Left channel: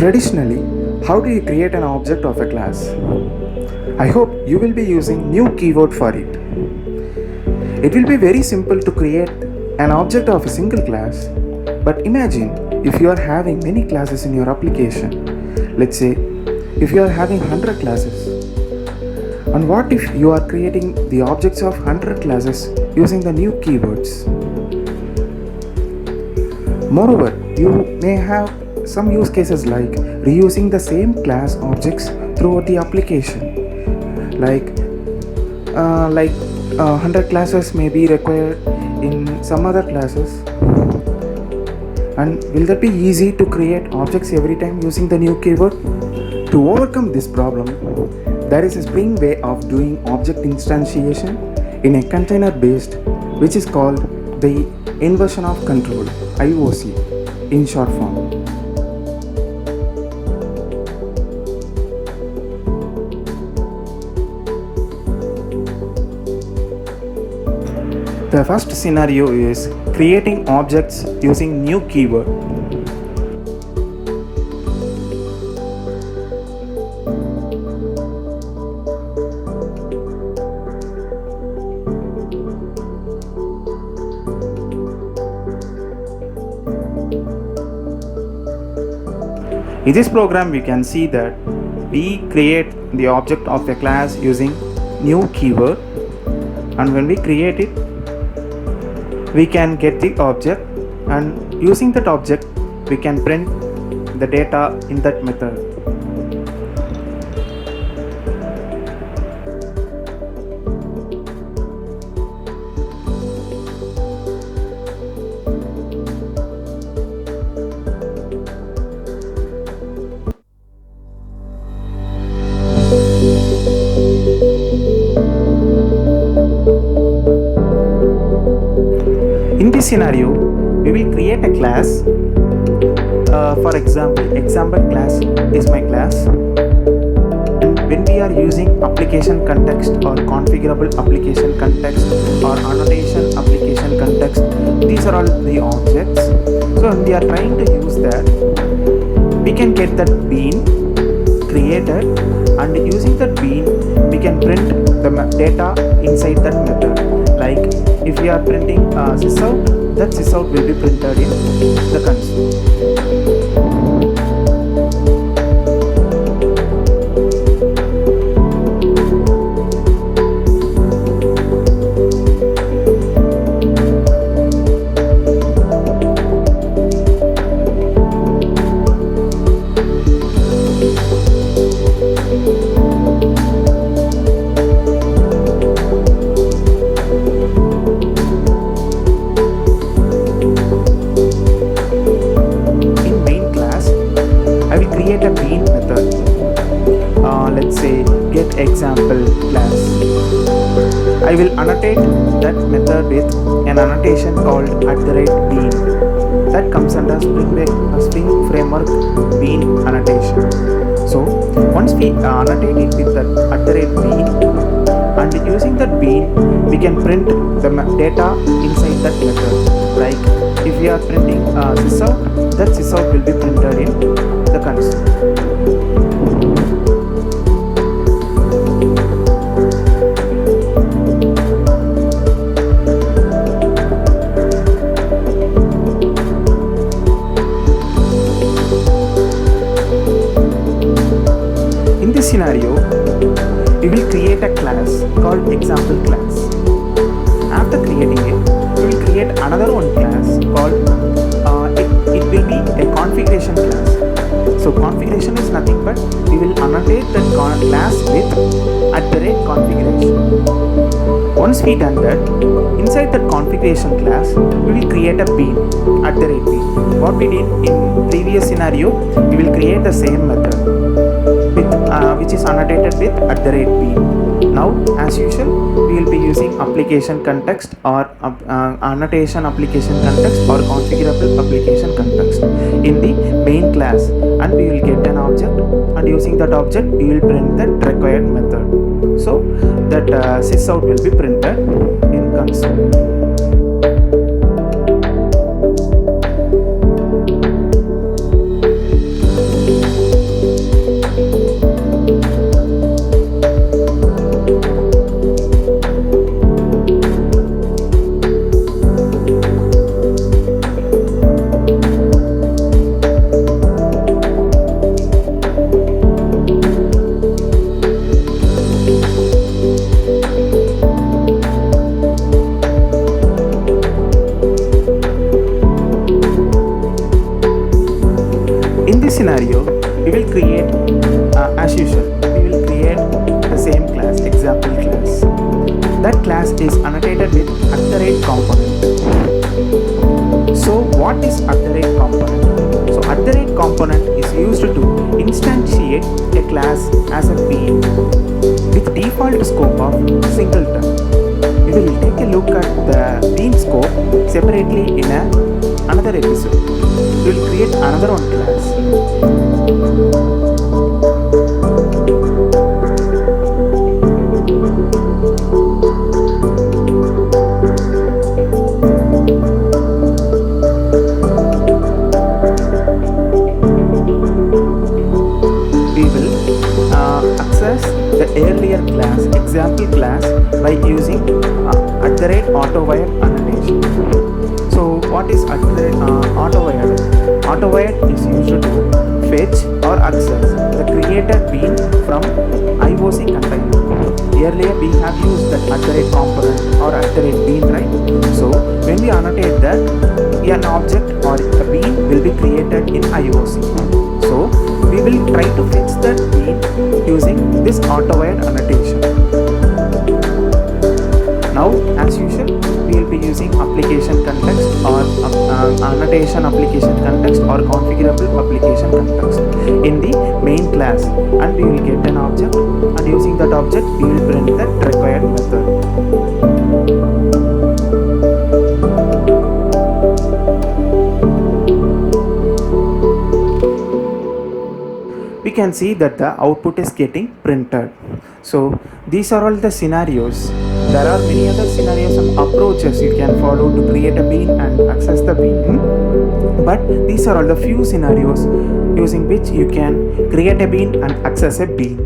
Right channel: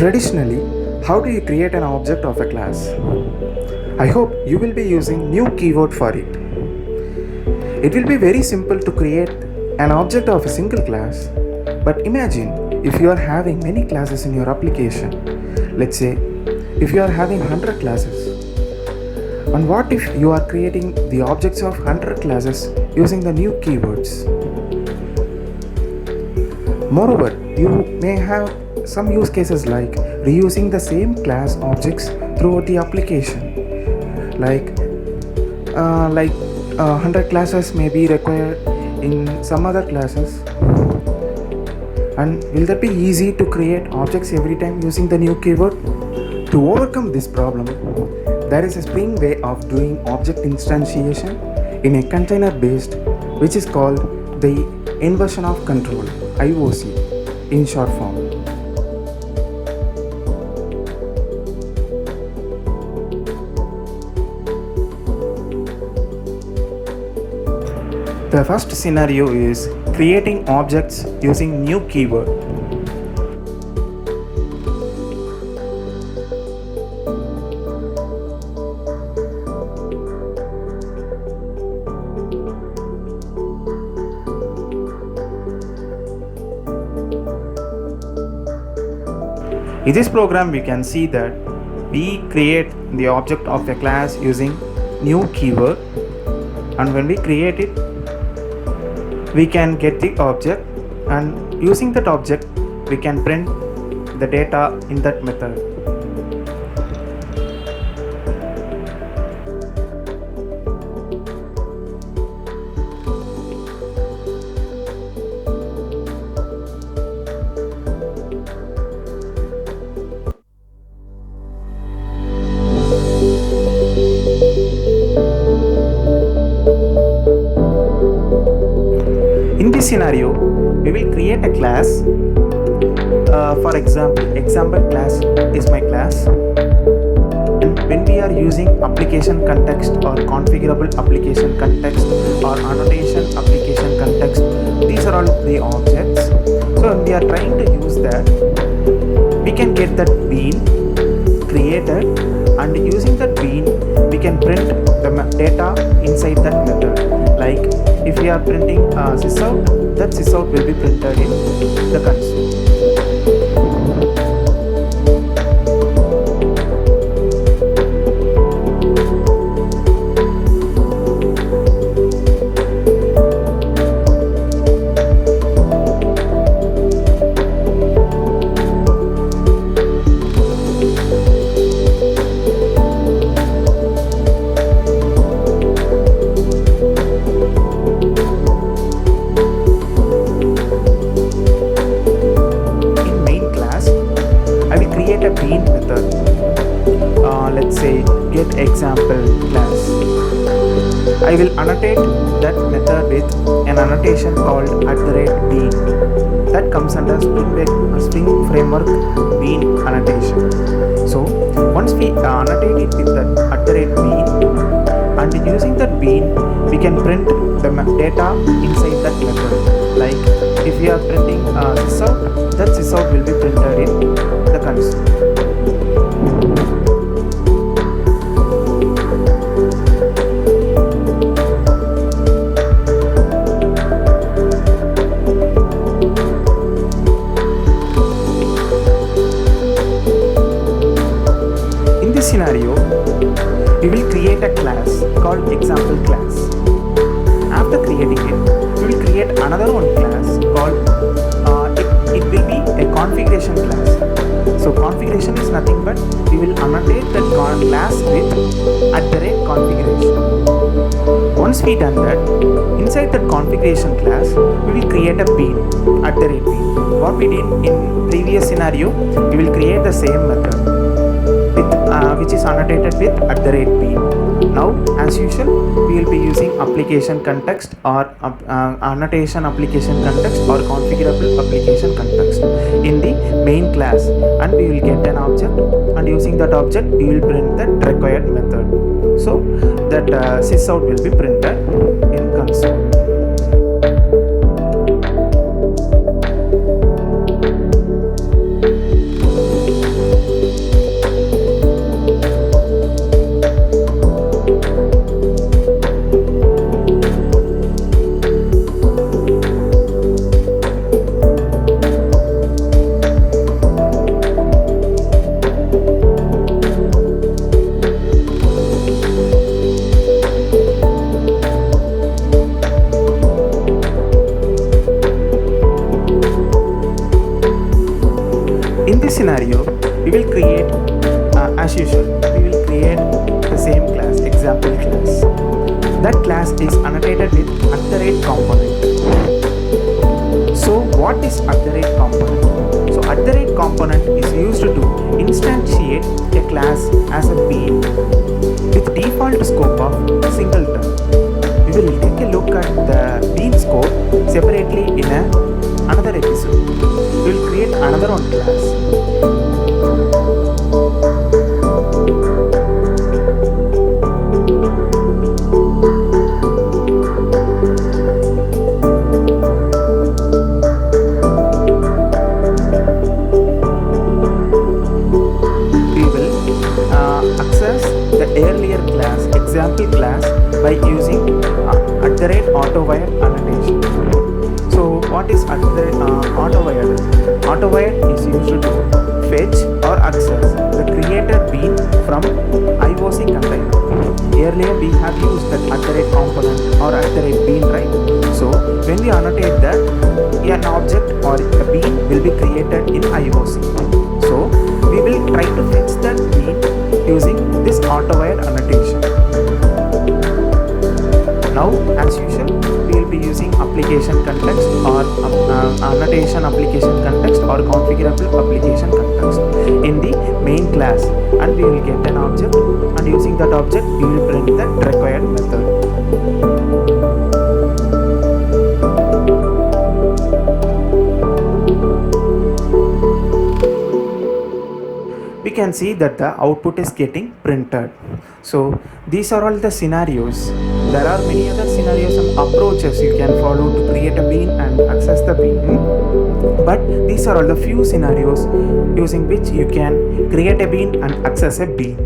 Traditionally, how do you create an object of a class? I hope you will be using new keyword for it. It will be very simple to create an object of a single class, but imagine if you are having many classes in your application. Let's say if you are having 100 classes. And what if you are creating the objects of 100 classes using the new keywords? Moreover, you may have some use cases like reusing the same class objects throughout the application. Like 100 classes may be required in some other classes. And will that be easy to create objects every time using the new keyword? To overcome this problem, there is a Spring way of doing object instantiation in a container based, which is called the inversion of control, IOC in short form. The first scenario is creating objects using new keyword. In this program, we can see that we create the object of a class using new keyword, and when we create it, we can get the object, and using that object we can print the data in that method. In this scenario, we will create a class. For example class is my class, and when we are using application context or configurable application context or annotation application context, these are all the objects. So when we are trying to use that, we can get that bean created, and using that bean we can print the data inside that method. Like if we are printing sysout, that sysout will be printed in the console. I will create a bean method. Let's say get example class. I will annotate that method with an annotation called @bean. That comes under Spring Framework bean annotation. So once we annotate it with that @bean, and using that bean we can print the data inside that method. Like if we are printing sysout, that sysout will be printed in the console. In this scenario, we will create a class called example class. After creating it, we will create another one class called it will be a configuration class. So configuration is nothing but we will annotate that class with @configuration. Once we done that, inside that configuration class we will create a bean, @bean. What we did in previous scenario, we will create the same method with which is annotated with @bean. Now as usual, we will be using application context or annotation application context or configurable application context in the main class, and we will get an object, and using that object we will print that required method. So that sysout will be printed in console. In this scenario, we will create as usual, we will create the same class, example class. That class is annotated with @component. So what is @component? So @component is used to instantiate a class as a bean with default scope of singleton. We will take a look at the bean scope separately in another episode. We will create another one class. We will access the earlier class, example class, by using @Autowired annotation. So what is Autowired? Autowired is used to fetch or access the created bean from IOC container. Earlier we have used that @component or @bean, right? So when we annotate that, an object or a bean will be created in IOC. So we will try to fetch that bean using this Autowired annotation. Now, as usual, we will be using application context or annotation application context or configurable application context in the main class, and we will get an object, and using that object we will print that required method. We can see that the output is getting printed. So these are all the scenarios. There are many other scenarios and approaches you can follow to create a bean and access the bean, but these are all the few scenarios using which you can create a bean and access a bean.